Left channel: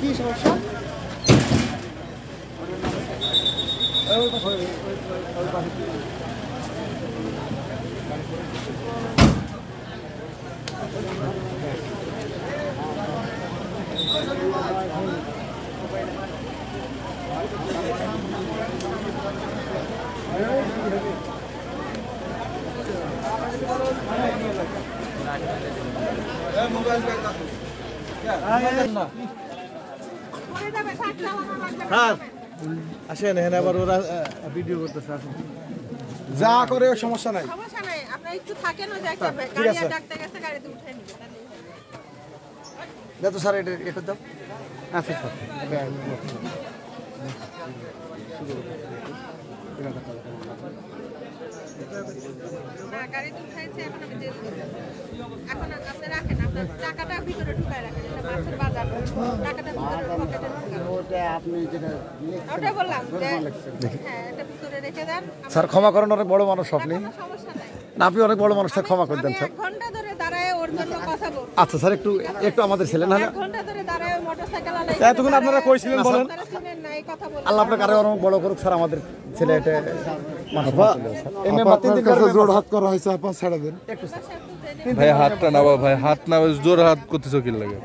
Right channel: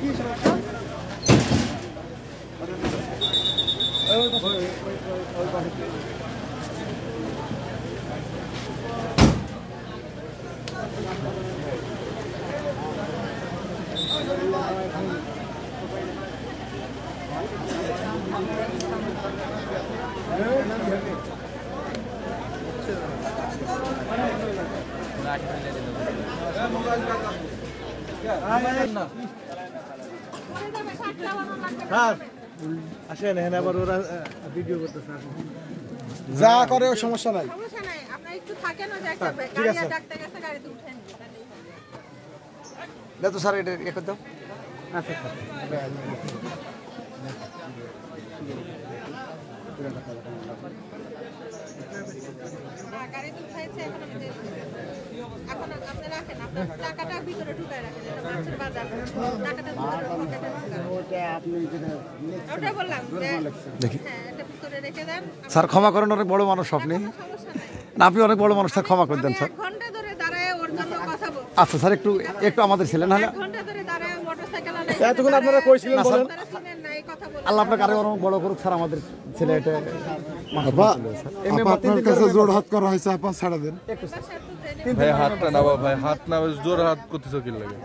কি সমস্যা? আসেন এখানে আবার ওরা ভিডিও করতেছে যা করে সমস্যা নাই। ঠিক আছে তো স্যার এটা এটা দাও। আচ্ছা এখন আপনি রাখেন, আপনার টাকাটা ভিতরে ঢুকায় রাখেন, এটা মাছের বাজার, টাকাটা ভিতরে পকেটে ঢুকান। ওটা বললাম যে হ্যাঁ এটা ভিতরে রেখে দেন। স্যার ক্ষমা করেন, অনেক বড় মানুষ আপনি। সমস্যা নাই, না আপনি অনেক বড় মানুষ, স্যার ক্ষমা করে দেন স্যার। 1 ঘন্টা ধরে দাঁড়ায় ওর জন্য কথা বল। আচ্ছা স্যার একটু একটু আমাদের ছিলেন না 1 ঘন্টা ধরে দাঁড়ায় মোটরসাইকেল আলাই। এতক্ষণ আপনারা কইছিলেন বলেন। আপনারা শুনেন নাই কথা বলেন। আল্লাহ আপনাকে আরো অনেক বড় করুক স্যার, আমাদের ছেলে এটা এই মেম্বার 3 দিন কাছে করে জোর হাত করা হয়েছে, আপা ছাড়া দেন একটু স্যার ভাই হাতটা না ভাই হাত না জোর হাত করতেছো কি লাগে